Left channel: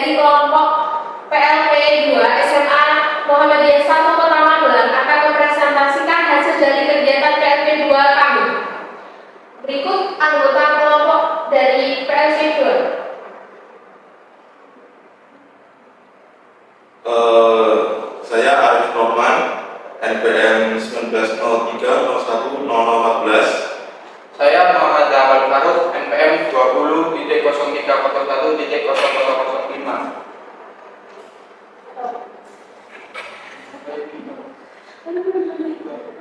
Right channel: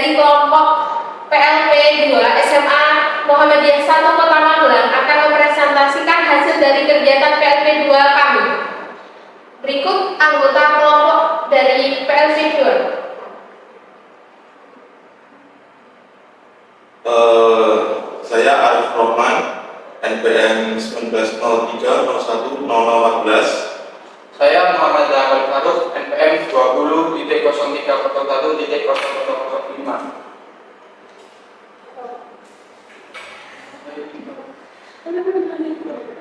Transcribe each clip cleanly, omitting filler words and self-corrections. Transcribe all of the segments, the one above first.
dari kelompok PLP 2 SMA Muhammadiyah 1 Kota Magelang akan mempresentasikan hasil dari kegiatan PLP 2 kami. Berikut anggota kelompok dari PLP 2. Saya Arif Rohman, NPM 1903010014. Saya Muhammad Jamal Faruk, NPM 20.0301.0005.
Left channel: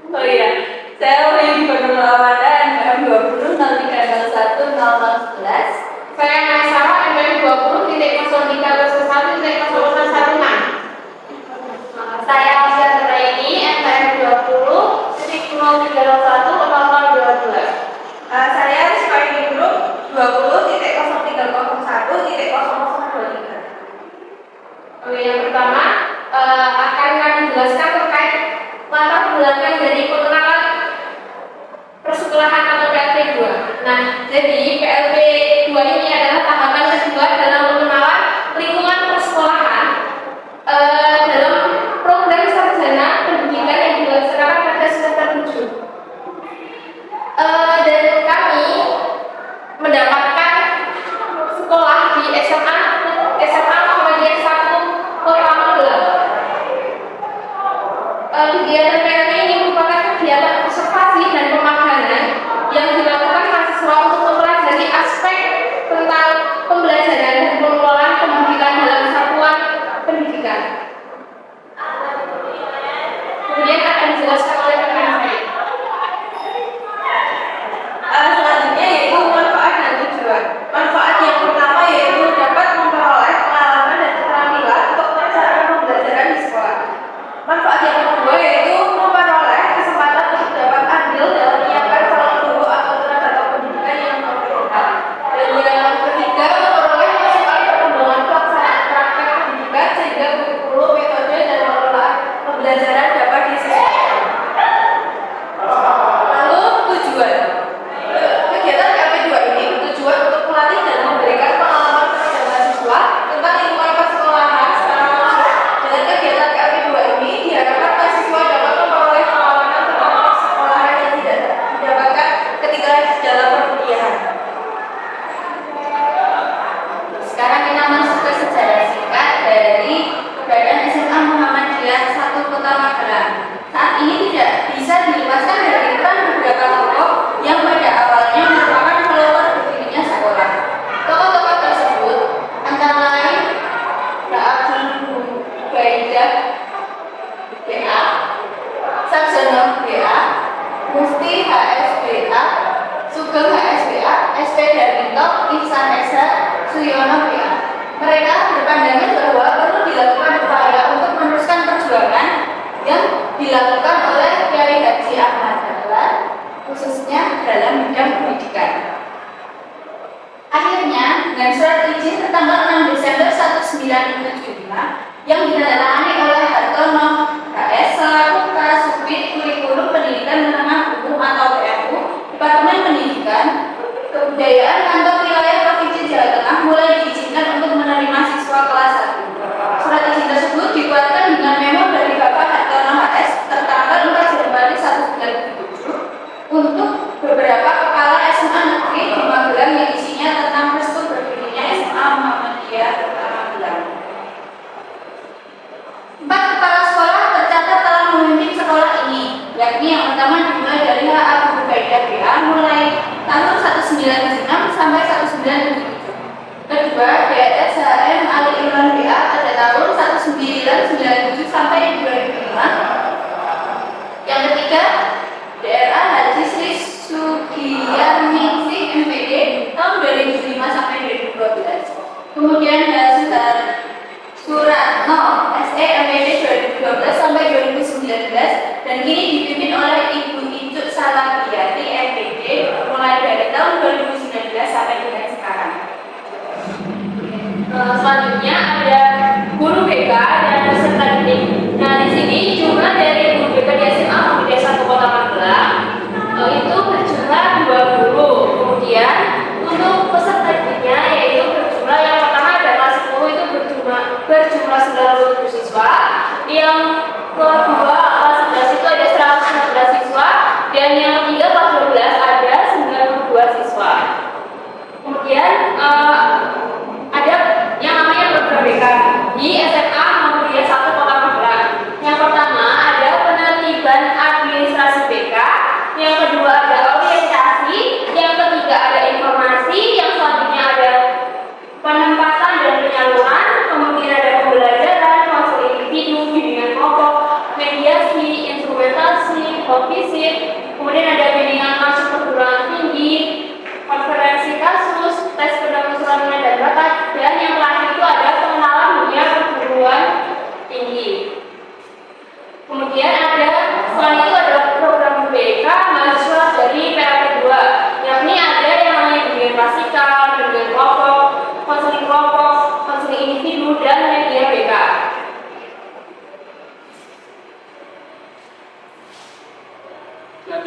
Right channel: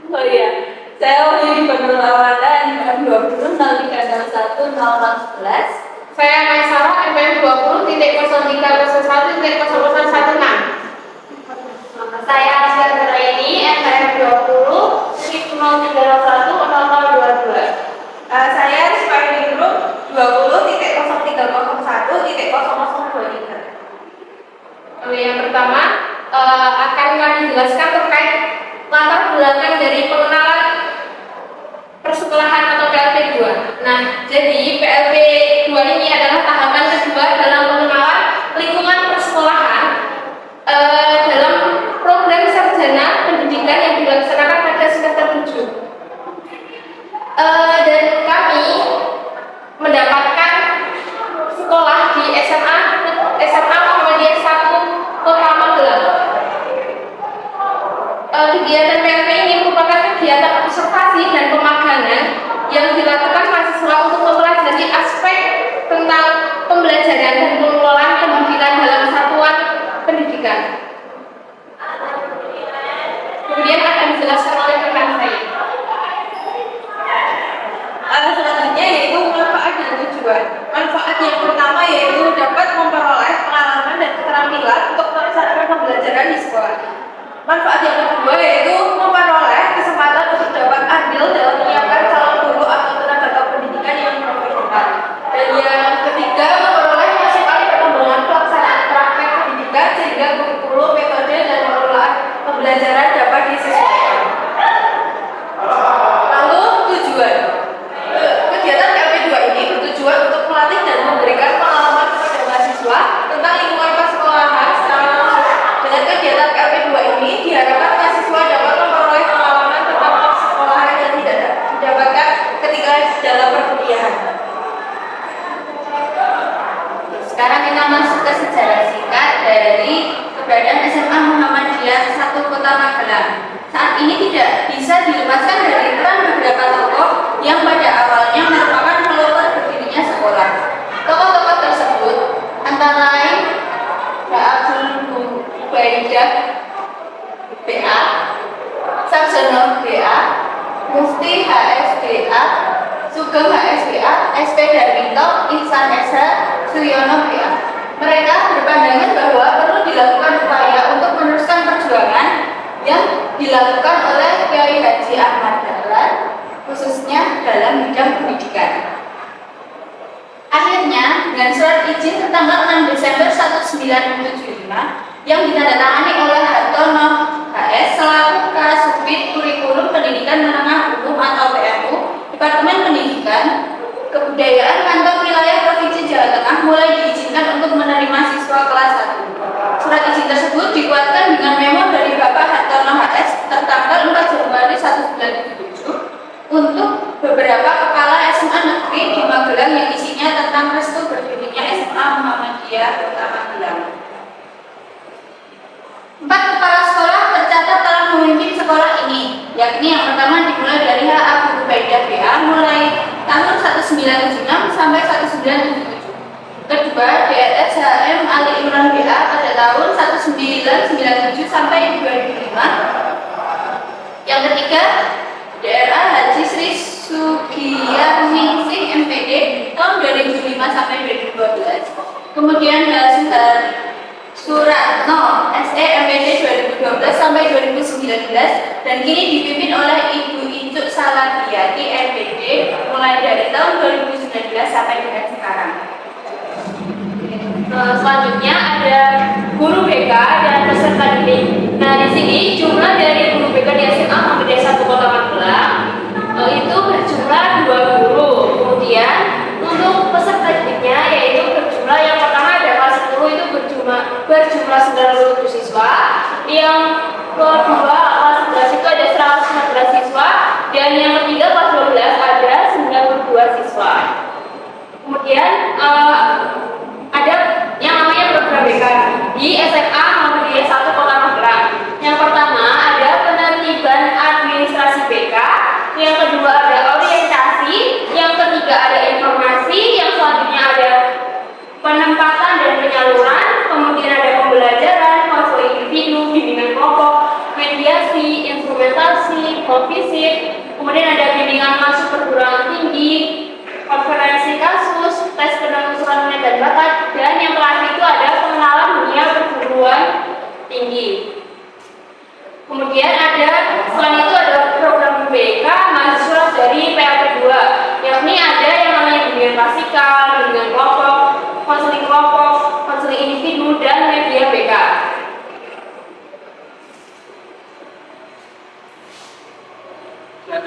Oh iya, saya Wahyu Banul Awada, NPM 20.0301.0011. Saya Maisara, NPM 20.0301.0016. Saya Asyar Nuraini, NPM 20.0301.0022. Saya Rizky Group 20.0301.0023. Yang pertama akan kami jelaskan terkait latar belakang dari pengenalan persekolahan atau PLP 2. Nah, jadi PLP 2 ini adalah tahapan kedua dalam pengenalan lingkungan persekolahan dalam program sarjana pendidikan yang dilaksanakan pada semester 7. Dan kami mendapatkan sekolah di SMA Muhammadiyah 1 Kota Magelang. Kegiatan PLP ini merupakan kegiatan observasi dan pemagangan yang dilakukan mahasiswa untuk mempelajari aspek tentang pembelajaran dan pengelolaan pendidikan dalam satuan pendidikan. Kemudian akan dijelaskan oleh rekan saya. Selanjutnya yaitu manfaat dan tujuan. Manfaat yang pertama yaitu dapat memperoleh pengalaman dan keterampilan untuk melaksanakan pembelajaran di sekolah. Manfaat yang kedua yaitu memperoleh kesempatan untuk dapat andil dalam menyiapkan calon guru atau tenaga pendidikan yang profesional. Dan yang ketiga, memperoleh masukan perkembangan pelaksanaan praktek pendidikan sehingga kurikulum, metode, dan pengelolaan pembelajaran dapat disesuaikan. Lalu tujuan. Kegiatan PLP 2 ini bertujuan untuk melatih dan memberikan pengalaman kepada mahasiswa tentang lingkungan persekolahan secara langsung. Dengan kegiatan PLP 2 ini diharapkan mahasiswa dapat memperoleh pengalaman tentang persekolahan yang tidak didapatkan ketika dalam perkuliahan. Sekarang kita masuk ke sejarah singkat dari keberadaan SMA Muhammadiyah 1 Kota Magelang. Saat ini tidak bisa dilepaskan dari peran beberapa tokoh yang pada awalnya merupakan pelopor berdirinya sekolah. Tokoh-tokoh tersebut antara lain Mbak Abdul Ubaidah BA, Sarjono BA, Mufti HSBA, Sugeng HSBA, SP Darminto, Ihsan SH, Suyono BA. Mereka berpandangan bahwa perlu dilakukan upaya untuk meneruskan perjuangan yang dilakukan oleh Kiai Haji Ahmad Dahlan khususnya dalam bidang pendidikan. Akhirnya, dengan surat izin tertanggal 6 Desember 1975 yang ditandatangani oleh Hartono HS selaku Kasubdit Kurikulum Pendidikan Menengah Umum atau PMU, Departemen Pendidikan Kebudayaan Kantor Wilayah Provinsi Jawa Tengah mulai diizinkan untuk menerima siswa kelas 1. Surat izin tersebut dikuatkan dengan memo dari Bapak Hartono HS tertanggal 4 Januari 1977 untuk beberapa kepala SMA negeri di Magelang yang isinya tentang restu berdirinya SMA Muhammadiyah Kota Magelang. 4 kepala sekolah tercatat telah memimpin sekolah ini, yakni yang pertama dimulai dari H. Abu Ubaidah BA mulai tahun 1976 sampai 1977. Kedua, DRS HM Ali Imran BA pada tahun 1997 sampai 2005. Yang ketiga, DRA Haji Sri Sugiarningsih MPD tahun 2005 sampai 2012. Kemudian Suratno SE MPD 2012 sampai 2019 dan kini dipimpin oleh Ibu Icuk Salabiyati MPD mulai dari tahun 2019 sampai dengan sekarang. Selanjutnya ada guru BK dan peserta didik. Nah, di sini jumlah dari guru BK di SMA Muhammadiyah 1 Kota Magelang itu berjumlah 2 guru. Kemudian untuk peserta didiknya yaitu berjumlah yang pertama ada kelas 10 itu berjumlah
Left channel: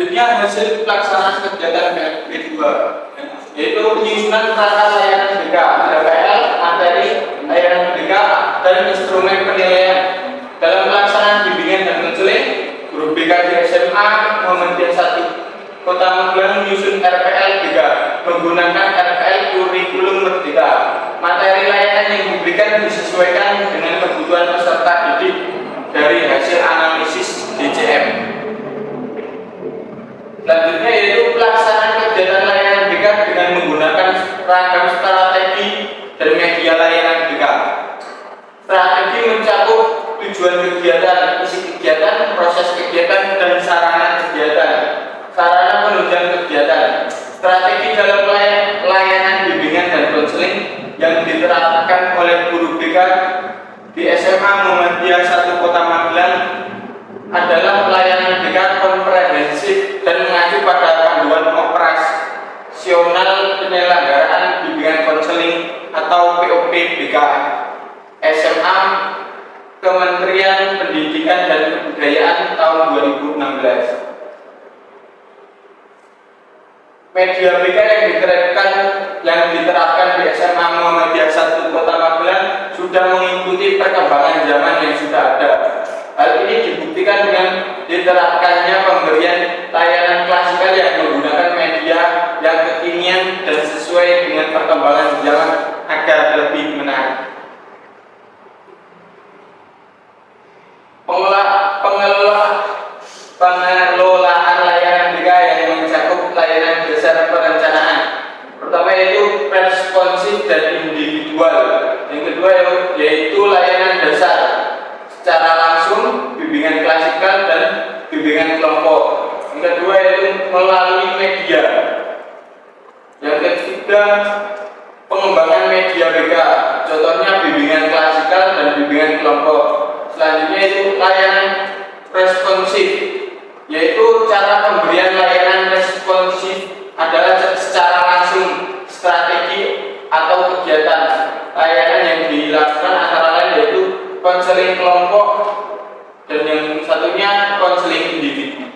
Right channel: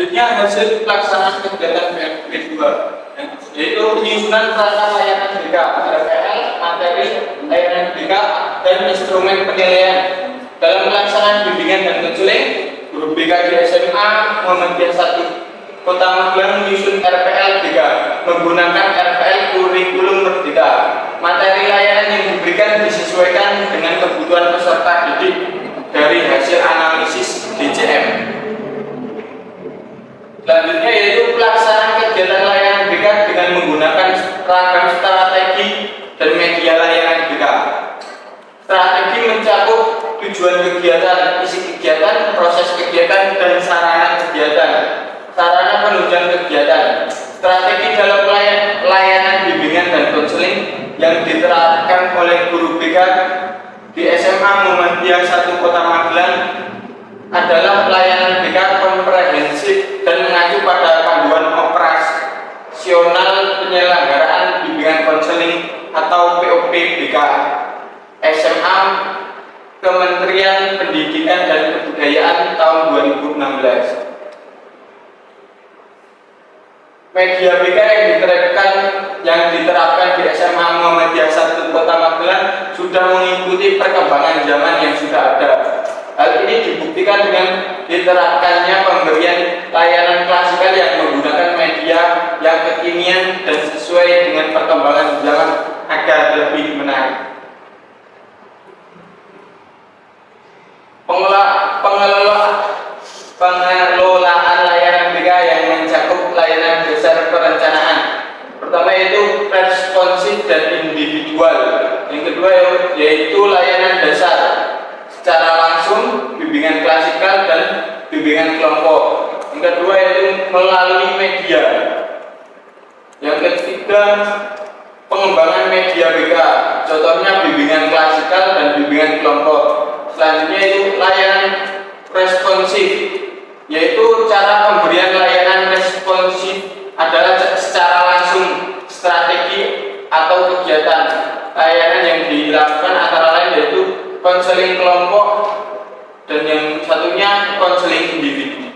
Selanjutnya hasil pelaksanaan kegiatan PLP 2, yaitu penyusunan perangkat layanan BK, RPL, materi layanan BK, dan instrumen penilaian. Dalam pelaksanaan bimbingan dan konseling, guru BK di SMA Muhammadiyah 1 Kota Magelang menyusun RPL BK menggunakan RPL kurikulum Merdeka. Materi layanan yang diberikan disesuaikan dengan kebutuhan peserta didik dari hasil analisis DCM. Selanjutnya yaitu pelaksanaan kegiatan layanan BK dengan menggunakan ragam strategi dan media layanan BK. Strategi mencakup tujuan kegiatan, isi kegiatan, proses kegiatan, dan sarana kegiatan, sarana penunjang kegiatan. Strategi dalam layanan bimbingan dan konseling yang diterapkan oleh guru BK di SMA Muhammadiyah 1 Kota Magelang adalah pelayanan BK komprehensif dan mengacu pada panduan operasional penyelenggaraan bimbingan konseling atau POP BK SMA Kementerian Pendidikan dan Kebudayaan tahun 2016. Media BK yang diterapkan di SMA Muhammadiyah 1 Kota Magelang sudah mengikuti perkembangan zaman yang sudah ada. Hal ini dibuktikan dengan diterapkannya pemberian layanan klasikal yang menggunakan media yang kekinian dan sesuai dengan perkembangan zaman agar lebih menarik. Pengelolaan layanan BK yang mencakup layanan dasar perencanaan. Pertama yaitu responsif dan individual. Yang kedua yaitu layanan dasar secara langsung, bimbingan klasikal dan bimbingan kelompok. Yang kedua yaitu melalui media. Yang ketiga pengembangan media BK. Contohnya bimbingan klasikal dan bimbingan kelompok. Selanjutnya itu layanan responsif, yaitu cara pemberian layanan responsif adalah secara langsung, strategi atau kegiatan. Layanan yang dilakukan antara lain yaitu konseling kelompok dan yang satunya konseling individu.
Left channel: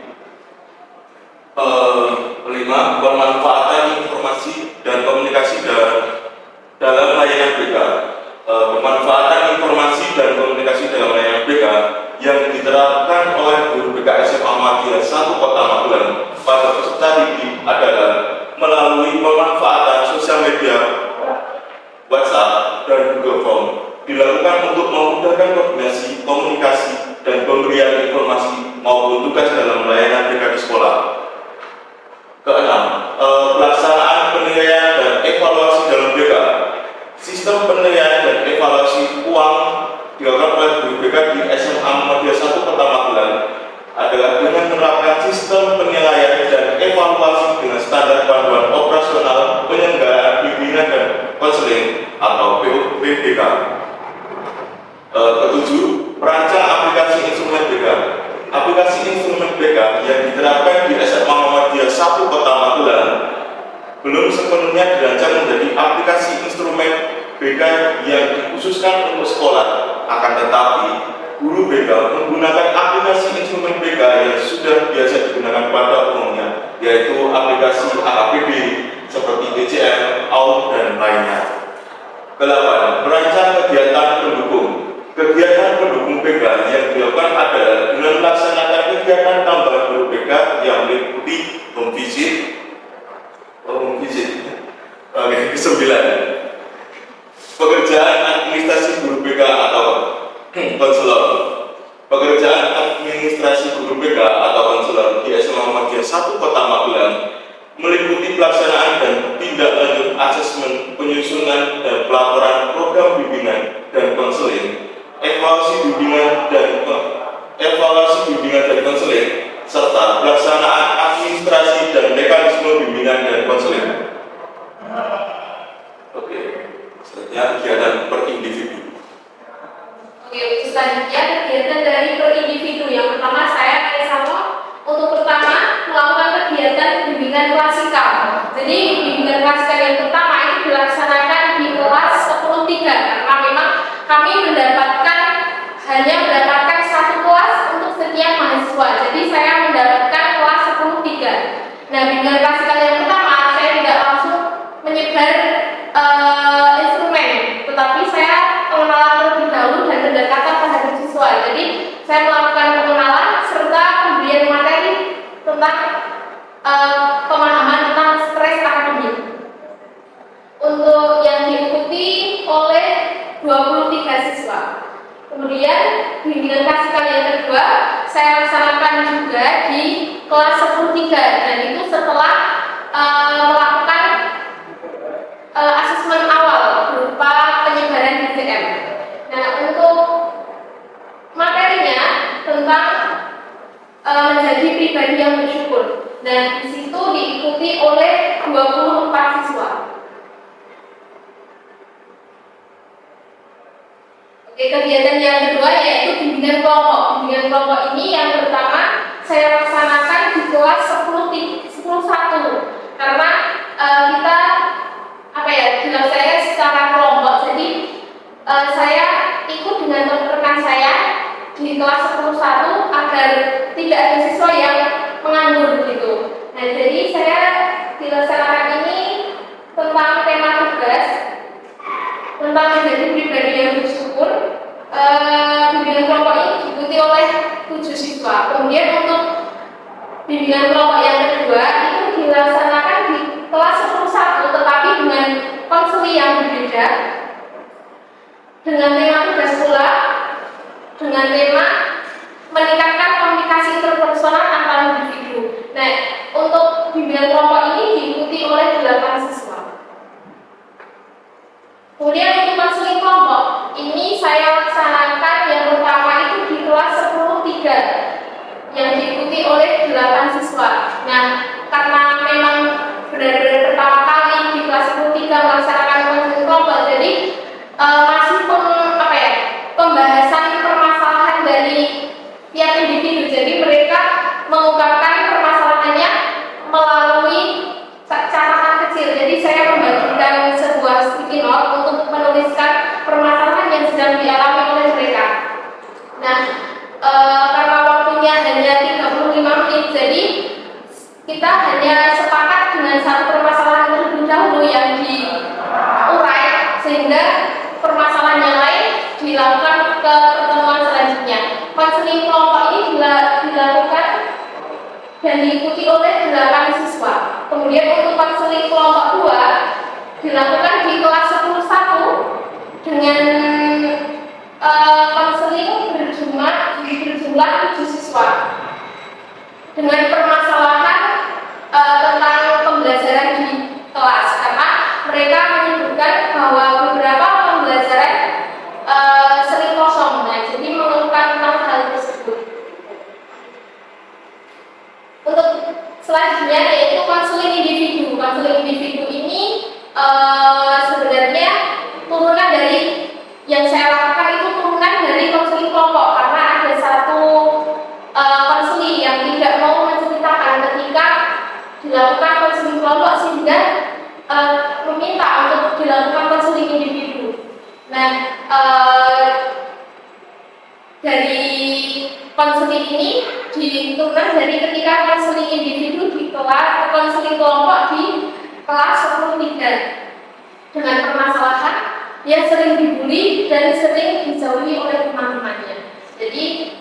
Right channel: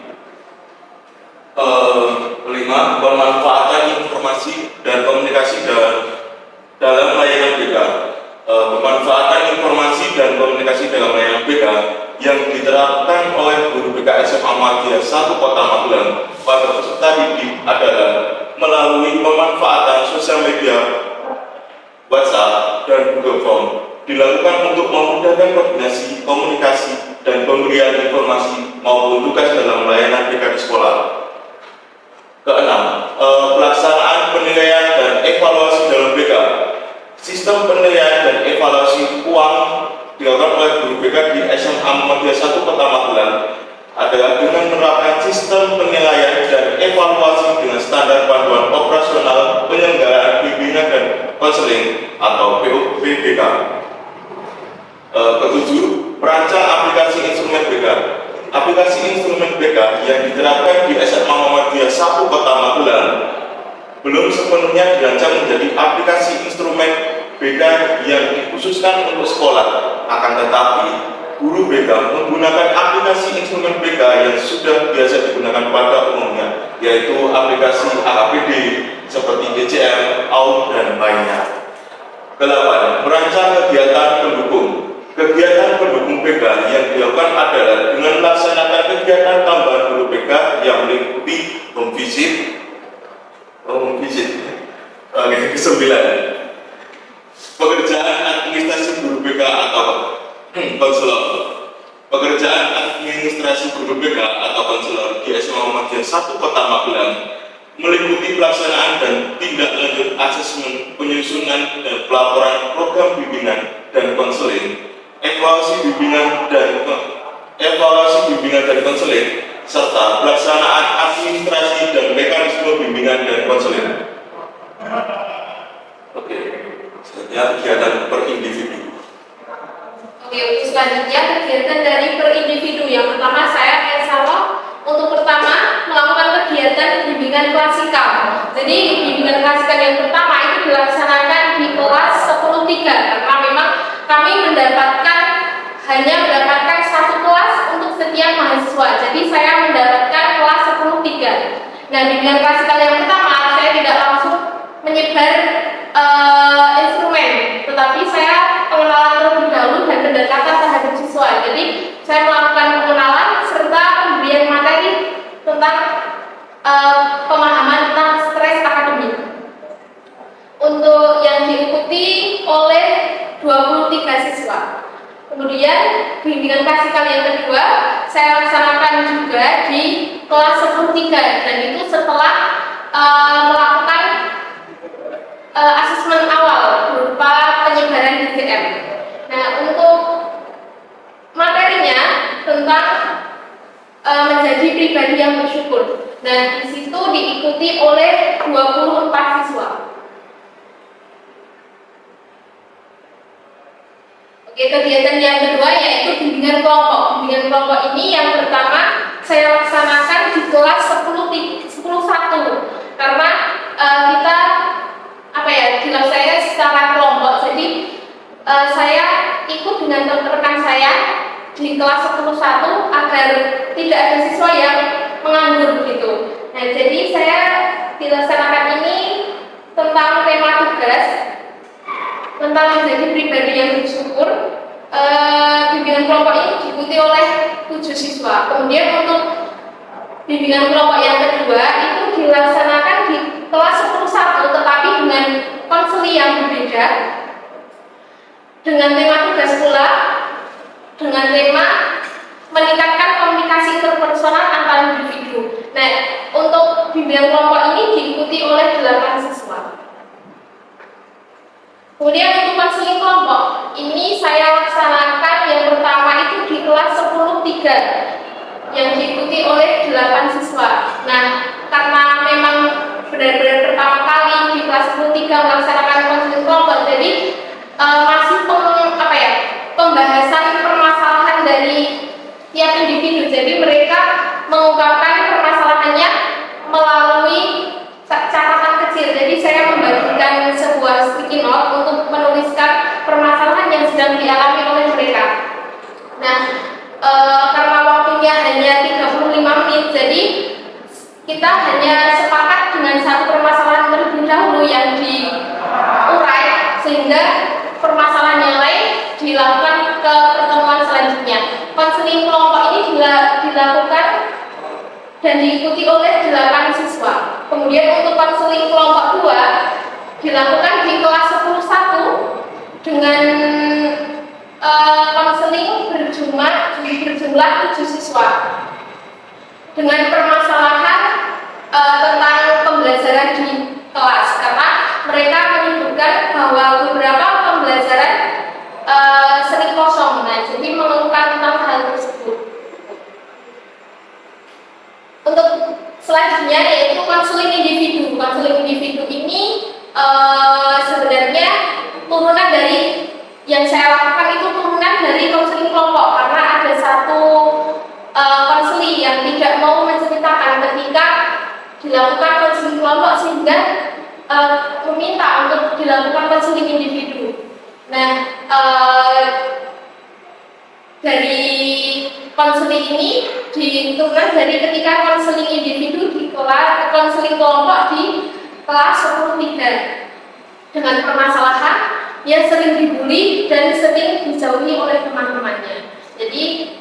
Kelima, pemanfaatan informasi dan komunikasi dalam layanan BK. Pemanfaatan informasi dan komunikasi dalam layanan BK yang diterapkan oleh guru BK SMA Muhammadiyah 1 Kota Magelang pada peserta didik adalah melalui pemanfaatan sosial media, WhatsApp, dan Google Form dilakukan untuk memudahkan koordinasi, komunikasi, dan pemberian informasi maupun tugas dalam layanan BK di sekolah. Keenam, pelaksanaan penilaian dan evaluasi dalam BK. Sistem penilaian dan evaluasi uang dilakukan oleh guru BK di SMA Muhammadiyah 1 Kota Magelang adalah dengan menerapkan sistem penilaian dan evaluasi dengan standar panduan operasional penyelenggaraan bimbingan dan konseling atau POP BK. Ketujuh, merancang aplikasi instrumen BK. Aplikasi instrumen BK yang diterapkan di SMA Muhammadiyah 1 Kota Magelang belum sepenuhnya dirancang menjadi aplikasi instrumen BK yang dikhususkan untuk sekolah. Akan tetapi, guru BK menggunakan aplikasi instrumen BK yang sudah biasa digunakan pada umumnya, yaitu aplikasi APD seperti DCM, AUD, dan lainnya. Ke-8, merancang kegiatan pendukung. Kegiatan pendukung BK yang dilakukan adalah dengan melaksanakan kegiatan tambahan guru BK yang meliputi home visit. Ke-9, pekerjaan administrasi guru BK atau konselor. Pekerjaan administrasi guru BK atau konselor di SMA Muhammadiyah 1 Kota Magelang meliputi pelaksanaan dan tindak lanjut asesmen, penyusunan dan pelaporan program bimbingan dan konseling, evaluasi bimbingan dan konseling, serta pelaksanaan administrasi dan mekanisme bimbingan dan konseling. Oke, selanjutnya kegiatan per individu. Oke, untuk selanjutnya kegiatan dari per individu. Yang pertama saya insya Allah untuk pertama melakukan kegiatan bimbingan klasikal. Jadi bimbingan klasikal yang pertama itu dilaksanakan di kelas 10-3 karena memang kami hanya mendapatkan satu kelas untuk setiap mahasiswa. Jadi saya mendapatkan kelas 10-3 Nah, bimbingan klasikal yang pertama saya tidak langsung menyebar instrumen, tetapi saya pengenalan terlebih dahulu dan pendekatan terhadap siswa. Jadi saya melakukan pengenalan serta pemberian materi tentang pemahaman tentang stres akademik. Untuk yang diikuti oleh 23 siswa. Kemudian bimbingan klasikal yang kedua saya laksanakan juga di kelas 10-3 dan itu setelah melakukan asesmen awal berupa penyebaran BCM. Nah, untuk materinya tentang menjadi pribadi yang bersyukur. Nah, di situ diikuti oleh 24 siswa. Oke, kegiatan yang kedua yaitu bimbingan kelompok. Bimbingan kelompok ini yang pertama saya laksanakan di kelas 10-1 karena kita dilaksanakan secara kelompok. Jadi saya ikut dengan rekan saya di kelas 10-1 agar tidak ada siswa yang menganggur gitu. Nah, jadi saya dilaksanakan ini tentang tema tugas tentang menjadi pribadi yang bersyukur. Bimbingan kelompok ini diikuti oleh 7 siswa. Kemudian untuk bimbingan kelompok yang kedua itu dilaksanakan di kelas 10-1 tetapi dengan konseli yang berbeda, dengan tema tugas pula, dengan tema meningkatkan komunikasi interpersonal antar individu. Nah, untuk bimbingan kelompok ini diikuti oleh 8 siswa. Kemudian untuk konseling kelompok ini saya laksanakan yang pertama itu di kelas 10-3 yang diikuti oleh 8 siswa. Nah, karena memang benar-benar pertama kali di kelas 10-3 melaksanakan konseling kelompok, jadi masih pembahasan permasalahan dari tiap individu. Jadi mereka mengungkapkan permasalahannya melalui catatan kecil. Jadi saya membagikan sebuah sticky note untuk menuliskan permasalahan yang sedang dialami oleh mereka. Nah, karena waktunya hanya 35 menit, jadi kita hanya sepakat dengan satu permasalahan terlebih dahulu yang diurai, sehingga permasalahan yang lain dilakukan ke pertemuan selanjutnya. Konseling kelompok ini dilakukan dan diikuti oleh 8 siswa. Kemudian untuk konseling kelompok 2 dilakukan di kelas 10-1 dengan konseling berjumlah 7 siswa dengan permasalahan tentang pembelajaran di kelas, karena mereka menyebutkan bahwa beberapa pembelajaran sering kosong. Nah, jadi mengeluhkan tentang hal tersebut. Untuk selanjutnya yaitu konseling individu. Konseling individu ini sebenarnya turunan dari yang saya lakukan itu turunan dari konseling kelompok, karena ada satu konseling yang tidak mau menceritakan ketika dilakukan konseling kelompok sehingga meminta untuk dilakukan konseling individu. Nah, dari konseling ini diturunan dari ketika konseling individu di kelas konseling kelompok di kelas 10-3 dengan permasalahan yang sering dibully dan sering dijauhi oleh teman-temannya. Jadi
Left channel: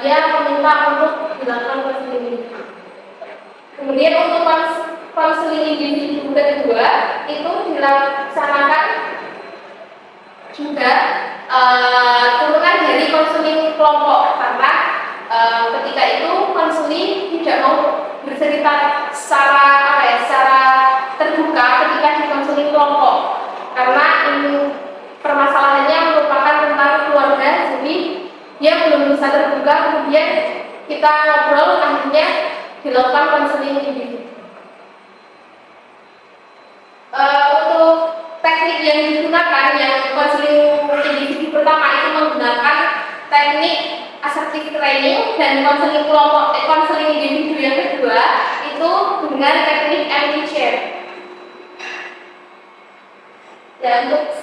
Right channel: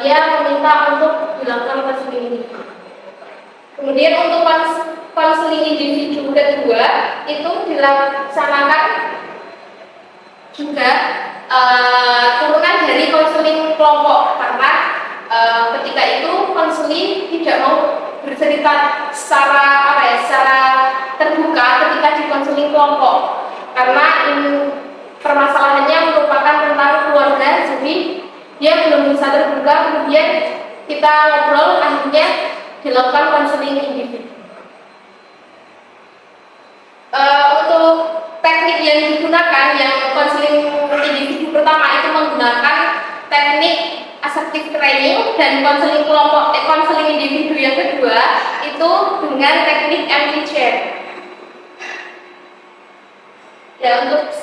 dia meminta untuk dilakukan konseling individu. Kemudian untuk konseling individu kedua itu dilaksanakan juga turunan dari konseling kelompok, karena ketika itu konseling tidak mau bercerita secara terbuka ketika di konseling kelompok, karena permasalahannya merupakan tentang keluarga, jadi dia belum bisa terbuka. Kemudian kita ngobrol, akhirnya dilakukan konseling individu. Untuk teknik yang digunakan, yang konseling individu pertama itu menggunakan teknik assertive training, dan konseling kelompok konseling individu yang kedua itu dengan teknik empty chair. Ya, untuk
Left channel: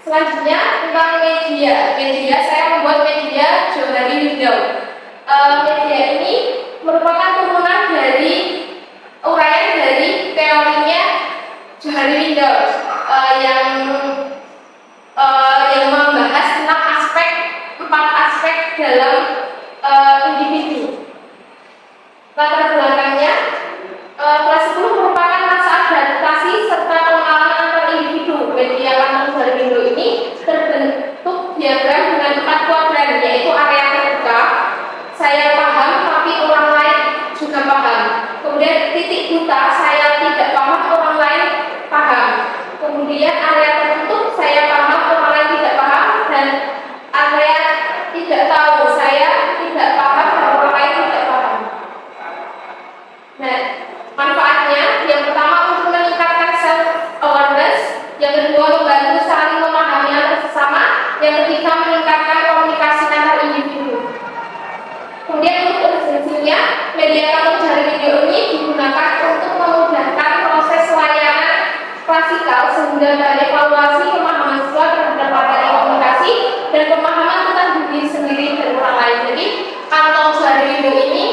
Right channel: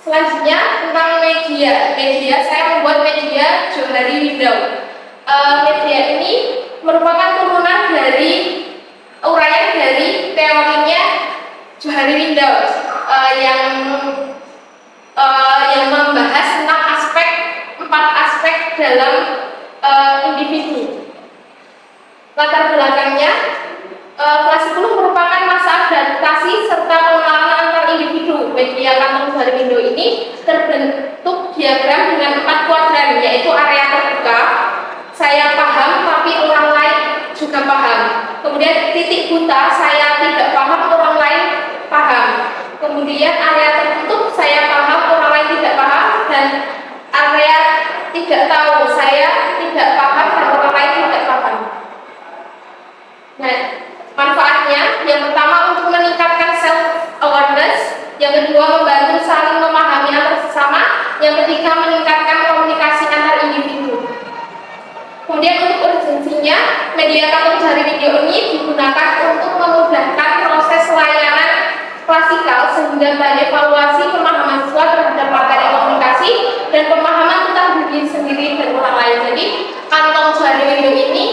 selanjutnya tentang media. Saya membuat media Johari Window. Media ini merupakan turunan dari uraian dari teorinya Johari Windows yang membahas tentang empat aspek dalam individu. Latar belakangnya, kelas 10 merupakan masa adaptasi serta pengenalan antar individu. Media kantong Johari Windows ini terbentuk diagram dengan 4 kuadran, yaitu area terbuka, saya paham tapi orang lain juga paham. Kemudian titik buta, saya tidak paham, orang lain paham. Kemudian area tertutup, saya paham, orang lain tidak paham. Dan area tidak tahu, saya tidak paham dan orang lain tidak paham. Nah, manfaatnya yang pertama untuk meningkatkan self awareness, yang kedua membantu saling memahami antar sesama, yang ketiga meningkatkan komunikasi antar individu. Kemudian untuk urgensinya, media kantong Johari Windows ini digunakan untuk memudahkan proses layanan klasikal sehingga bahan evaluasi pemahaman siswa terhadap materi komunikasi dan pemahaman tentang diri sendiri dan orang lain. Jadi kantong Johari Windows ini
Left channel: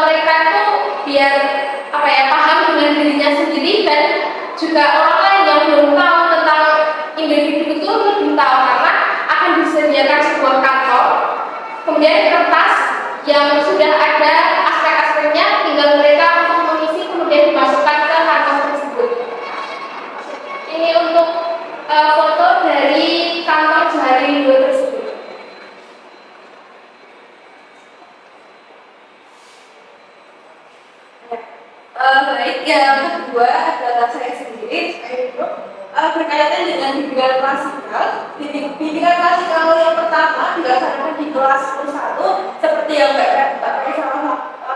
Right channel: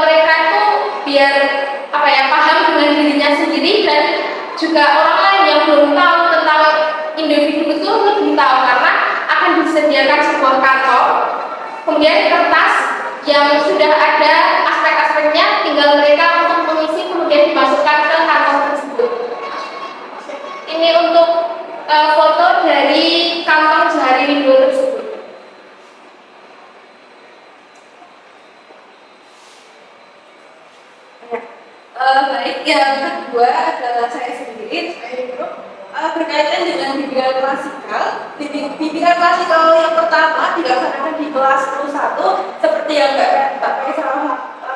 mereka itu biar paham dengan dirinya sendiri dan juga orang lain yang belum tahu tentang individu itu lebih tahu, karena akan disediakan sebuah kantong, kemudian kertas yang sudah ada aspek-aspeknya, tinggal mereka untuk mengisi kemudian dimasukkan ke kantong tersebut. Ini untuk foto dari kantong Johari Windows tersebut. Baik, yang kedua adalah saya sendiri, berkaitan dengan bimbingan klasikal. Bimbingan klasikal yang pertama dilaksanakan di kelas 11, seperti yang Mbak Faisal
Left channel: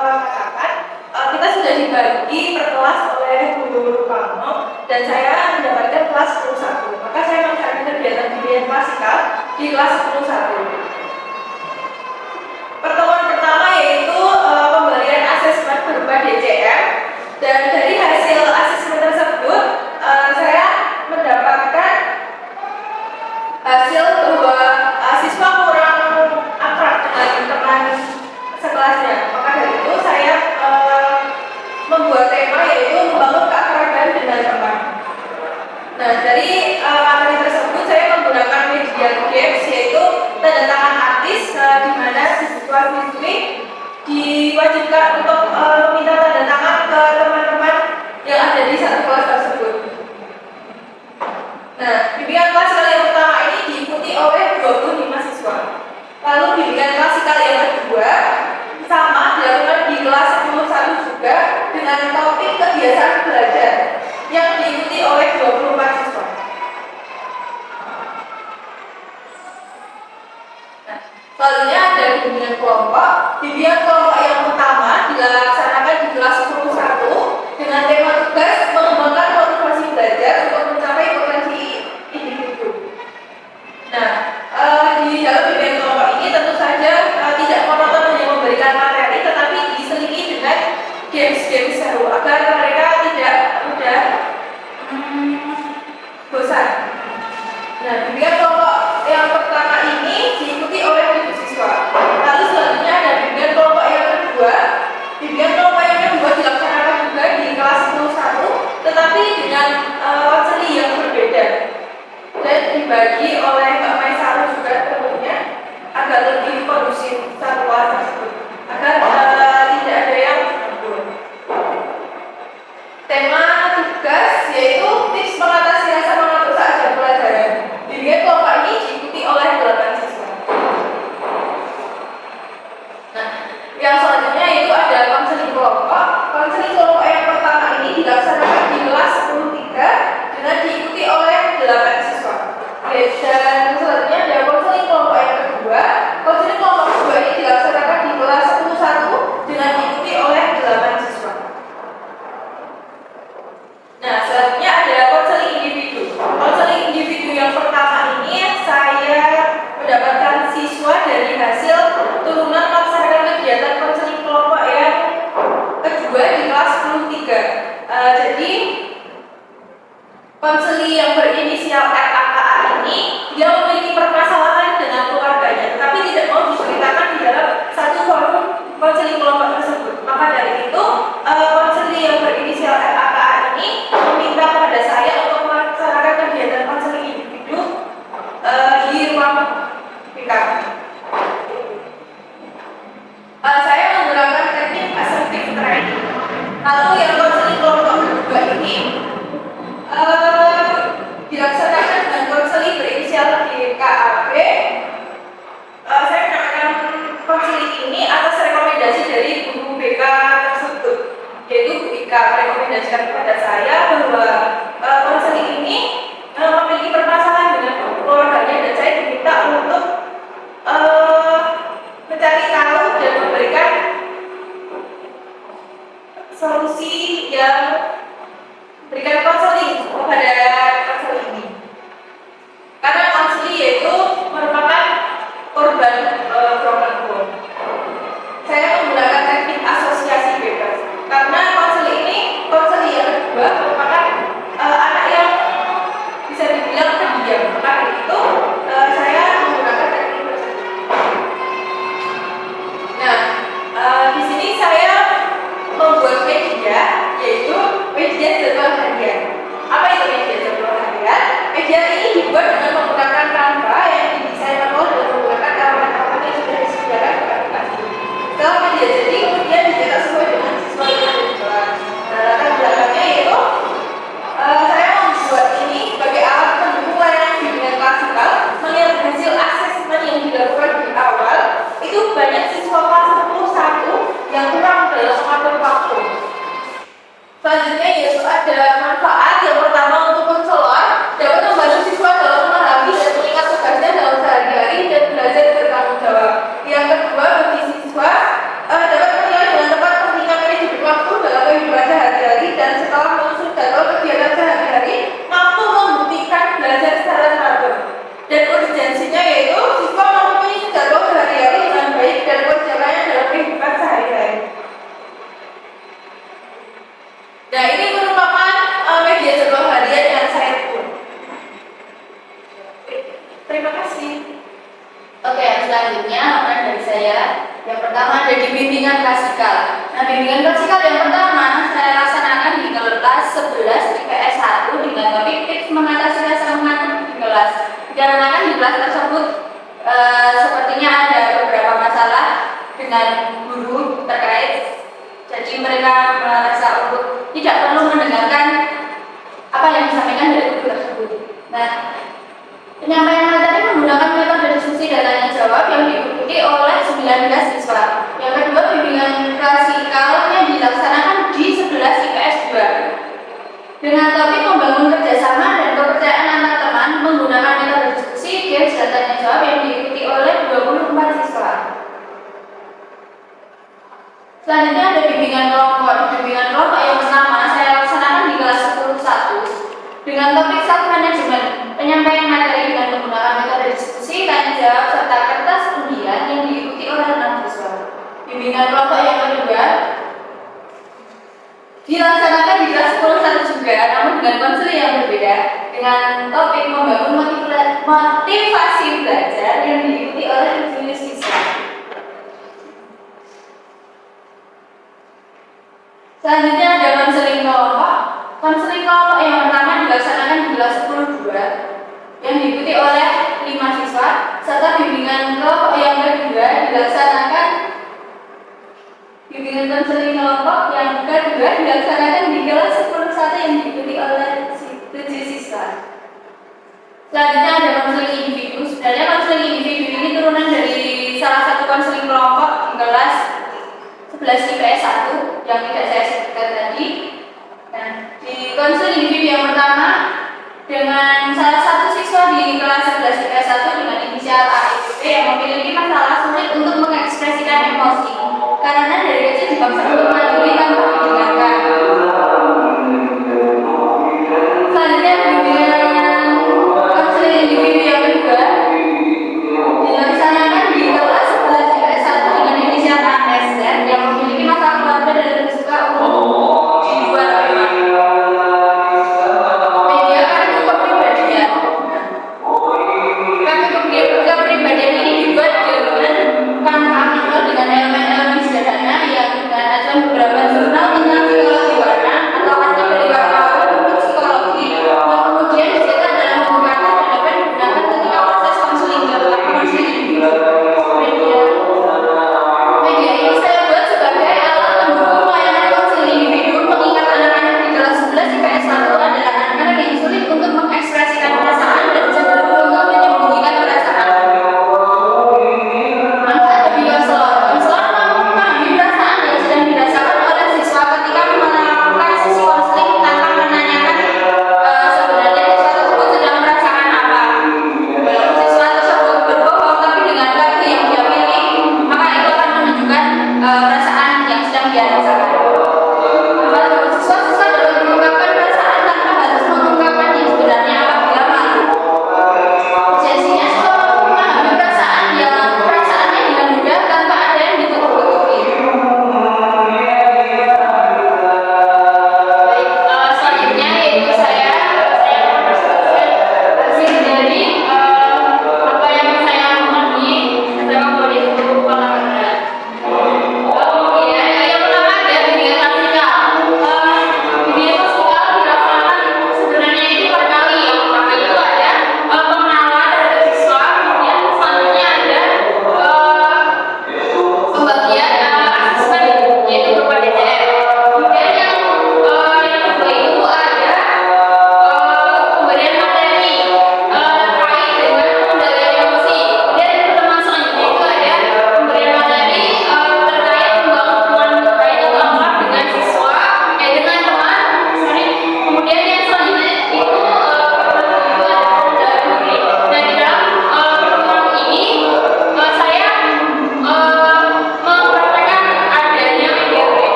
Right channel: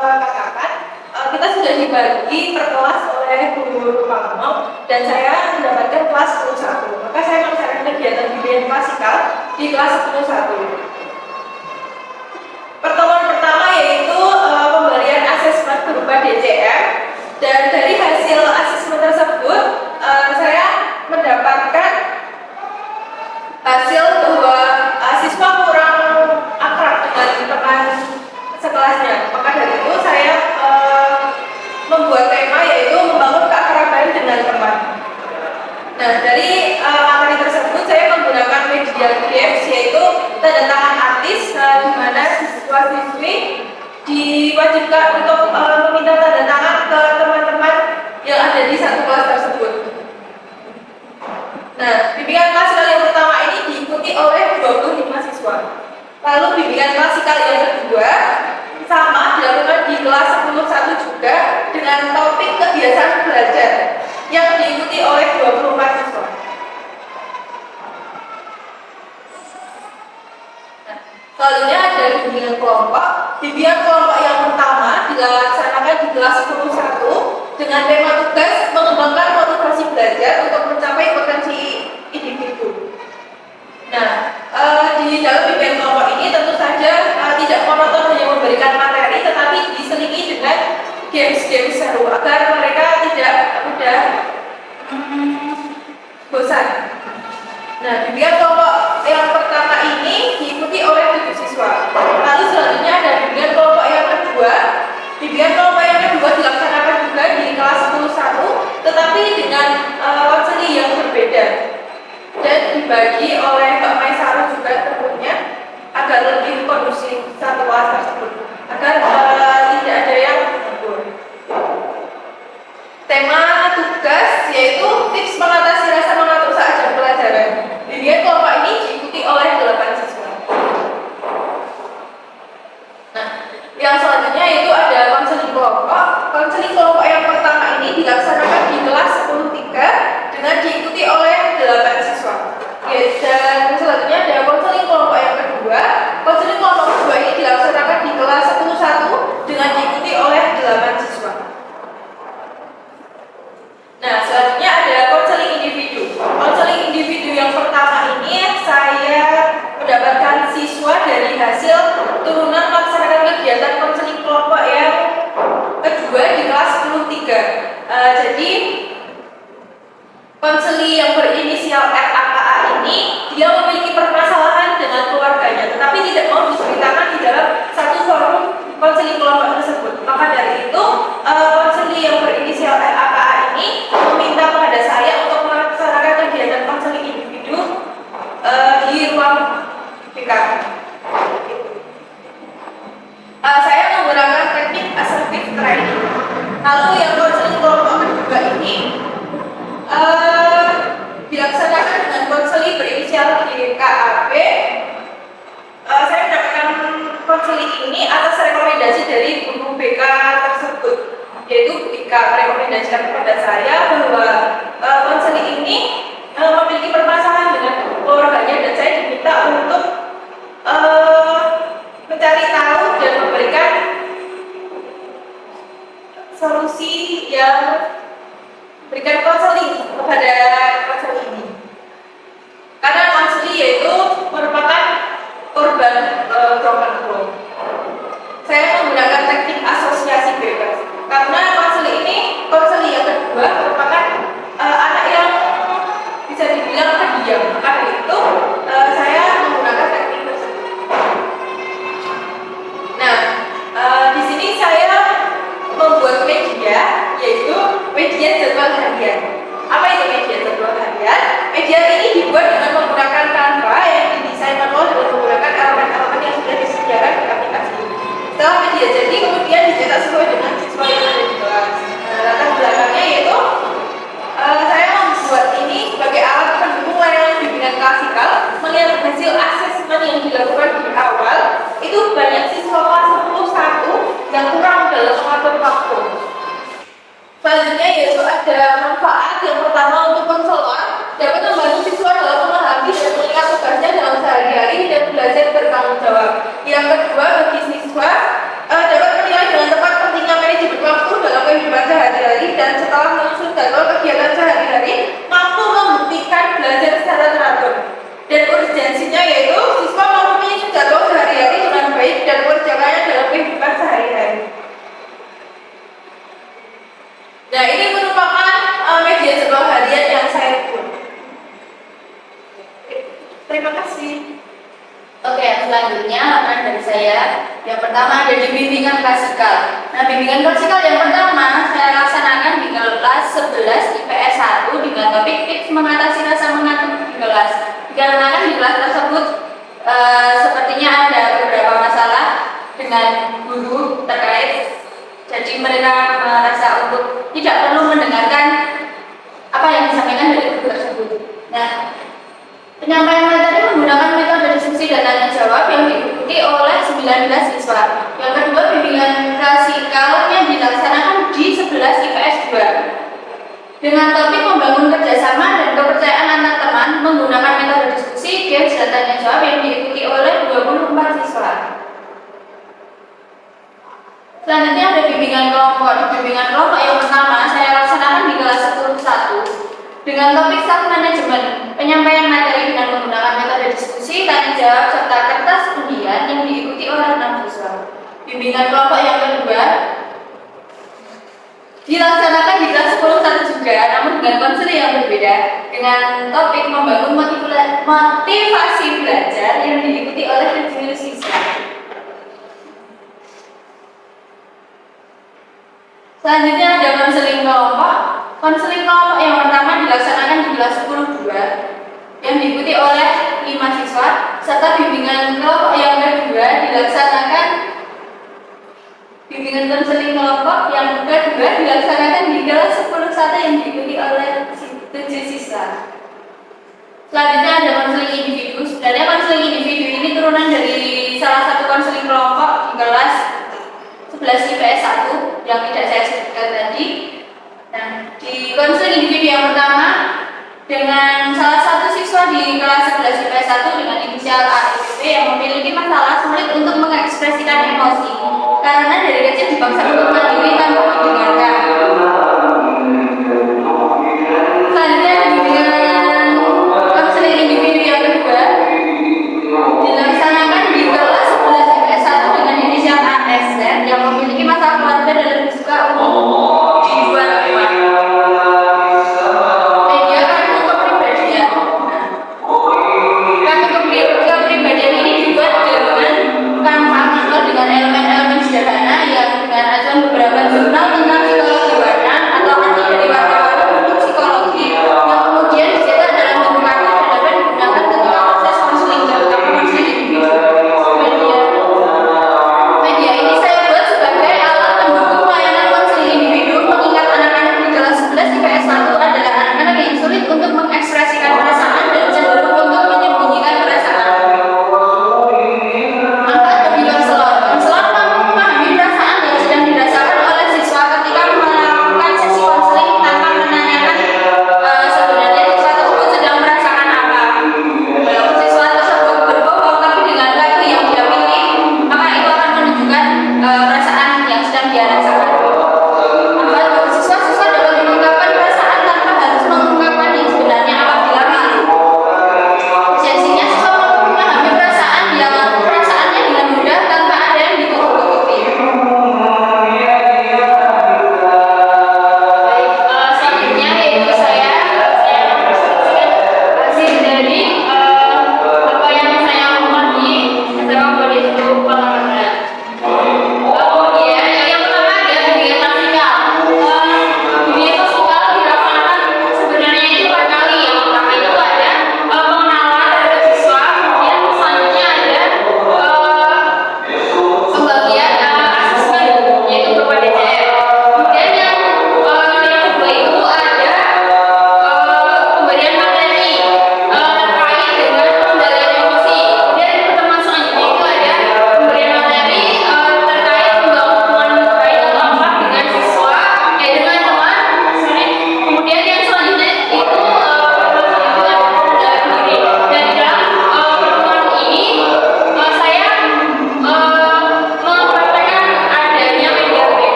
katakan. Kita sudah dibagi per kelas oleh Guru Palmo dan saya mendapatkan kelas 11. Maka saya melaksanakan kegiatan bimbingan klasikal di kelas 11. Pertemuan pertama yaitu pemberian asesmen berupa DCM. Dan dari hasil asesmen tersebut, saya mendapatkan hasil bahwa siswa kurang akrab dengan teman sekelasnya. Maka dari itu saya membuat tema yaitu membangun keakraban dengan teman. Nah, dari materi tersebut saya menggunakan media games, yaitu tanda tangan artis, di mana siswa-siswi diwajibkan untuk meminta tanda tangan ke teman-teman yang ada di satu kelas tersebut. Nah, bimbingan klasikal yang pertama ini diikuti oleh 25 siswa. Lalu bimbingan klasikal yang kedua sama dilakukan di kelas 11 juga dengan topik kebiasaan belajar yang diikuti oleh 24 siswa. Selanjutnya ada bimbingan kelompok. Bimbingan kelompok yang pertama dilaksanakan di kelas 11 dengan tema tugas mengembangkan motivasi belajar untuk mencapai potensi individu. Nah, di dalam bimbingan kelompok ini tentu saja tidak monoton hanya memberikan materi, tetapi diselingi dengan games-games seru agar mereka tidak mudah bosan. Nah, bimbingan kelompok yang pertama ini diikuti oleh 7 siswa. Lalu selanjutnya ada bimbingan kelompok yang kedua. Bimbingan kelompok yang kedua dilaksanakan juga di kelas 11, tetapi dengan konseli yang berbeda dan dibagi oleh Mbak Maisaro juga tentunya agar lebih kondusif satu kelas tersebut, agar tidak ada yang mundur. Tema tugas yaitu tips mengatasi rasa mengantuk saat jam pelajaran. Bimbingan kelompok ini diikuti oleh 8 siswa. Nah, yang selanjutnya itu ada konseling kelompok. Konseling kelompok yang pertama ini dilaksanakan di kelas 10-3 dengan diikuti oleh 8 siswa. Dan selanjutnya ada konseling kelompok yang kedua. Konseling kelompok kedua ini dilaksanakan di kelas 11 dengan diikuti oleh 8 siswa. Nah, selanjutnya ada konseling individu. Konseling individu yang pertama ini saya mendapatkan siswa dari hasil turunan melaksanakan kegiatan konseling kelompok yang kedua di kelas 10-3. Jadi konseli yang berinisial RAKA ini dia memiliki permasalahan dengan keluarganya, tetapi tidak mau diceritakan di dalam satu forum konseling kelompok tersebut. Maka dari itu, konseling yang berinisial LAKA ini meminta kepada saya untuk melaksanakan kegiatan konseling individu di ruang BK. Saya menggunakan teknik assertive training. Lalu yang konseling kelompok kedua ini dilaksanakan dengan konseling berinisial DKAB. Saya mendapatkan konseling ini atas rekomendasi dari guru BK tersebut, yaitu Bu Ika merekomendasikan kepada saya bahwa konseling ini memiliki permasalahan dengan keluarganya dan saya diminta untuk mencari tahu dan memberikan solusi yang berikan konseling kepada konseling ini. Karena konseling yaitu merupakan korban broken home. Saya menggunakan teknik asosiasi bebas karena konseling yang kedua merupakan anak yang bisa dibilang pendiam. Maka dari itu saya menggunakan teknik tersebut. Nah, di sini saya membuat media, yaitu media jadwal harian. Apa itu media jadwal harian? Media ini dibuat dengan menggunakan Canva yang didesain manual dengan menggunakan elemen-elemen yang sudah disediakan di aplikasi. Setelah media jadi, kemudian dicetak sesuai dengan siswa yang ada di kelas. Latar belakangnya yaitu saya membuat ini sebagai alat pendukung layanan bimbingan klasikal. Melihat hasil asesmen yang dilakukan di awal, itu banyak siswa kelas 10 yang kurang dalam mengatur waktu. Selanjutnya yaitu ada manfaat. Yang pertama, untuk konselor dapat membantu siswa dalam memahami dan mengingat tugasnya dalam sehari-hari dan belajar bertanggung jawab. Yang kedua, bagi siswa dapat menilai dengan tepat pentingnya manajemen waktu dalam kehidupan sehari-hari dan setelah menyusun jadwal kegiatan sehari-hari mampu membuktikan belajar secara teratur. Dan urgensinya yaitu siswa mampu menyusun jadwal sehari-hari dengan baik dan mengerjakannya dalam kehidupan sehari-hari. Nah, ini merupakan media jadwal harian yang saya buat. Terima kasih. Oke, selanjutnya laporan dari saya. Yang pertama ada di bimbingan klasikal. Nah, bimbingan klasikal yang pertama saya laksanakan di kelas 11 IPS 1 dengan topik tips mengatasi rasa mengantuk di kelas. Dikarenakan di kelas tersebut sepertinya ada beberapa masalah dengan guru terkait. Jadi mereka merasa untuk tidak perlu mendengarkan apa yang disampaikan dari guru tersebut. Nah, penyampaian materi menggunakan metode diskusi dan tanya jawab yang diikuti oleh 19 siswa. Yang kedua, bimbingan klasikalnya dilaksanakan di 11 IPS 2 dengan topik membangun kerjasama dan kepercayaan antar teman menggunakan metode diskusi, games, dan tanya jawab yang diikuti oleh 24 siswa. Selanjutnya ada bimbingan kelompok. Di bimbingan kelompok yang pertama saya laksanakan di kelas 10-1 dengan topik self management, penyampaian materi dengan menggunakan metode diskusi, tanya jawab, serta kertas undian yang diikuti oleh 6 siswa. Bimbingan kelompok yang kedua dilaksanakan di kelas 10-1 juga, namun dengan konseling yang berbeda, dengan topik membangun motivasi belajar yang diikuti oleh 7 siswa. Selanjutnya ada konseling kelompok. Konseling kelompok yang pertama dilaksanakan di kelas 10-2 yang diikuti oleh 5 siswa, serta bimbingan kelompok yang kedua dilaksanakan bimbingan konseling kelompok yang kedua dilaksanakan di kelas 10-1 yang diikuti oleh 7 siswa. Selanjutnya ada konseling individu. Sebenarnya konseling individu ini turunan dari salah satu konseling kelompok di kelas 11 IPS 1 yang tidak saya sebutkan tadi. Nah, di konseling individu yang pertama dengan salah satu siswa di kelas 11 IPS 1 dengan inisial AIP yang memiliki masalah sulit untuk mengekspresikan emosi karena dari kecil dipaksa untuk mandiri tanpa didengarkan. Selanjutnya bimbingan konseling individu yang kedua dilaksanakan di kelas 11 IPS 1 dengan inisial ASZ yang memiliki masalah keluarga dan lebih suka untuk di luar rumah. Media kartu kepribadian. Kartu kepribadian ini dibuat dengan Canva dengan elemen-elemen sederhana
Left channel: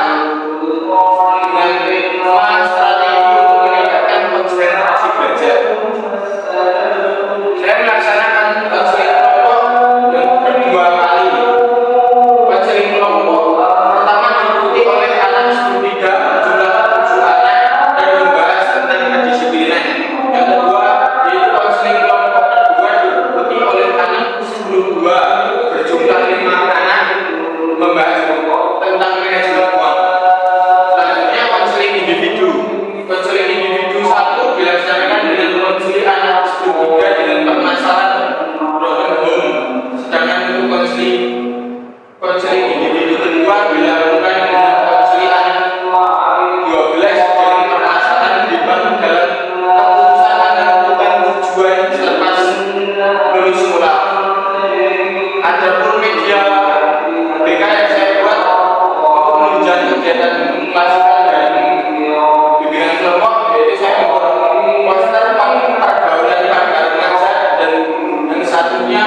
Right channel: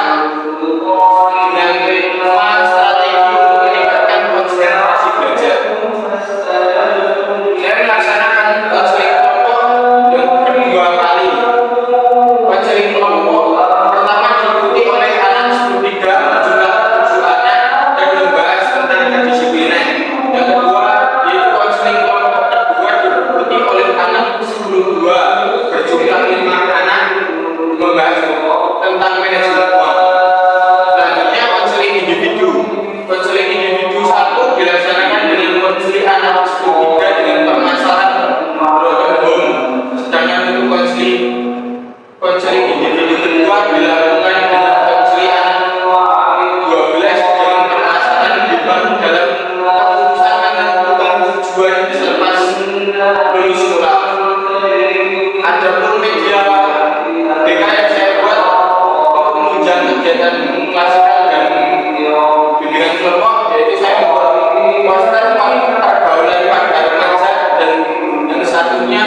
dengan tema strategi untuk meningkatkan konsentrasi belajar. Saya melaksanakan konseling kelompok yang kedua kali. Konseling kelompok pertama diikuti oleh anak 13 berjumlah 7 anak dan membahas tentang kedisiplinan. Yang kedua yaitu konseling kelompok kedua diikuti oleh anak 22 berjumlah 5 anak membahas tentang manajemen uang. Selanjutnya konseling individu. Konseling individu 1 dilaksanakan dengan konseling anak 13 dengan permasalahan broken home. Sedangkan untuk konseling individu kedua dilakukan dengan konseling anak 12 dengan permasalahan dibangun dalam keputusan menentukan tujuan selepas lulus sekolah. Adapun media BK yang saya buat untuk menunjang kegiatan klasikal dan bimbingan kelompok, yaitu saya membuat poster pergaulan pada remaja dan yang satunya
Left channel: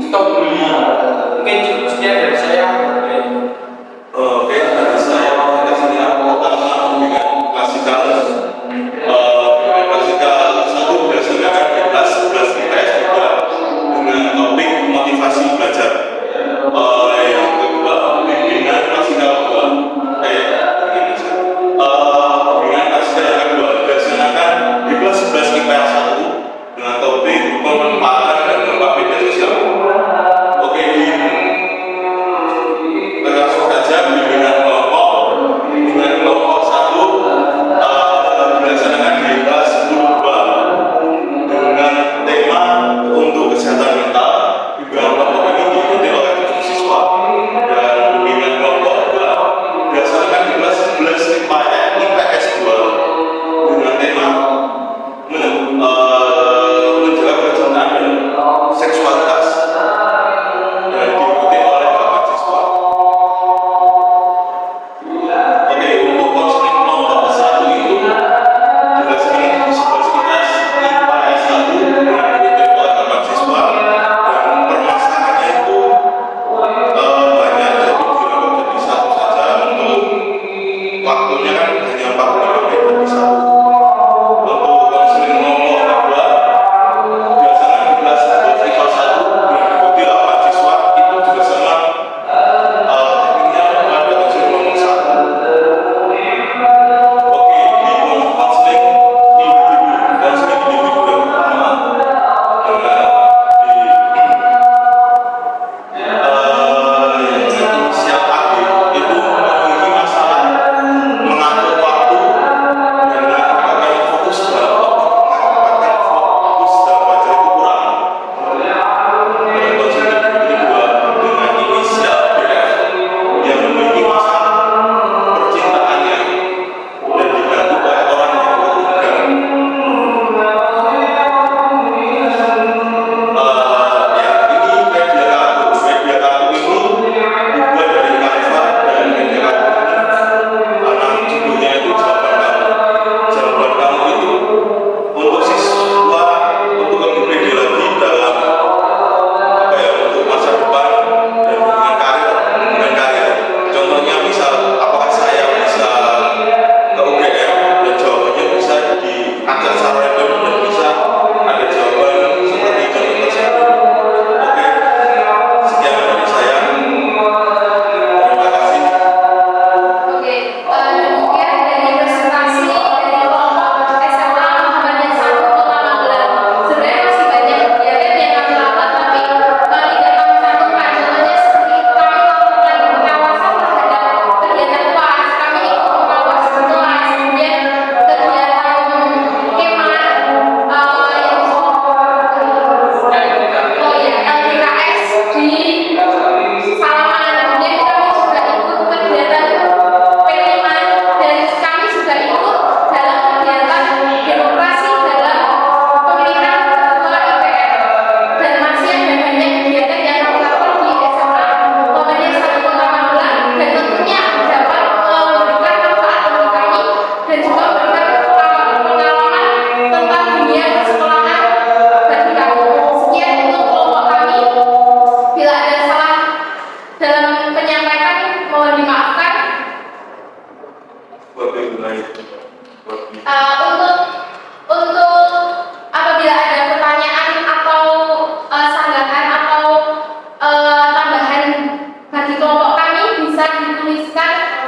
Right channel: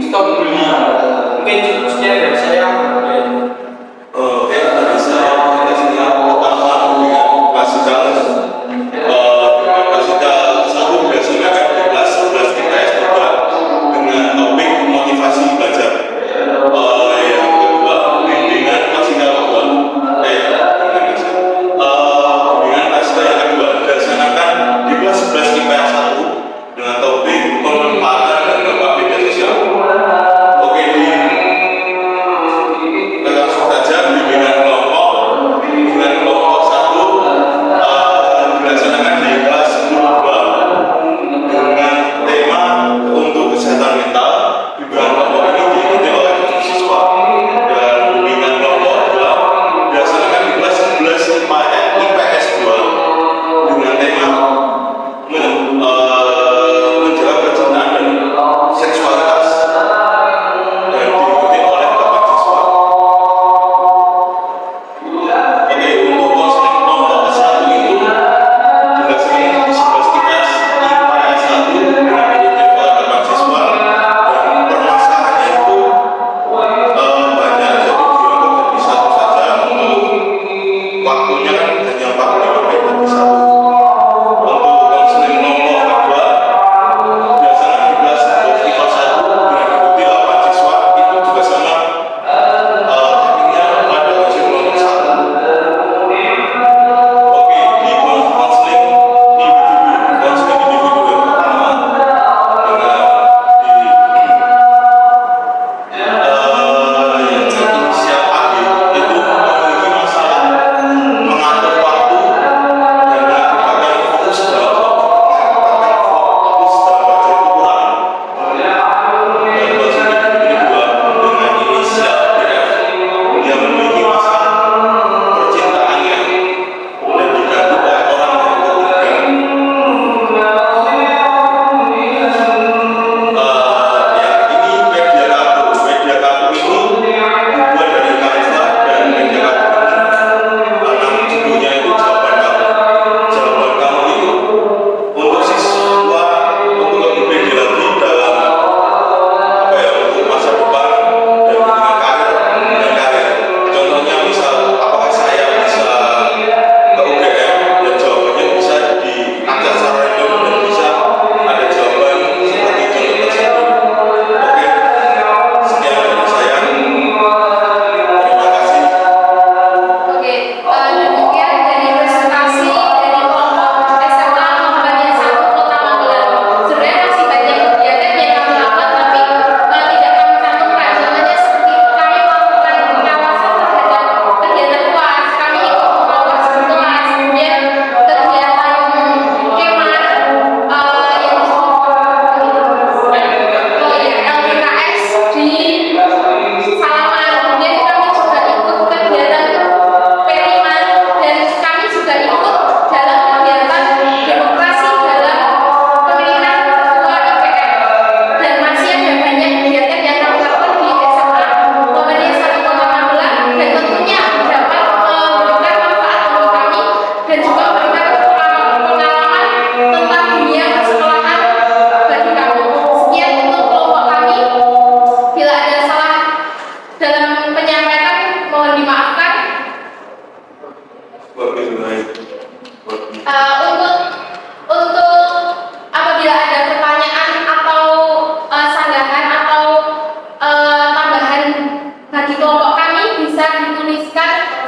stop bully. Mungkin cukup sekian dari saya. Oke, tadi saya presentasinya pertama dengan klasikal. Dengan klasikal satu dilaksanakan di kelas 11 IPS 3 dengan topik motivasi belajar. Yang kedua bimbingan klasikal 2.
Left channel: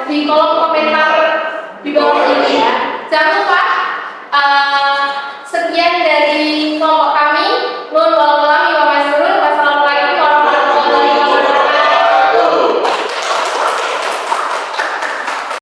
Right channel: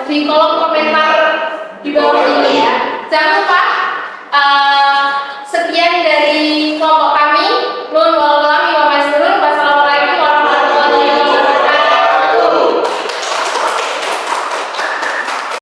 di kolom komentar di bawah ini ya. Jangan lupa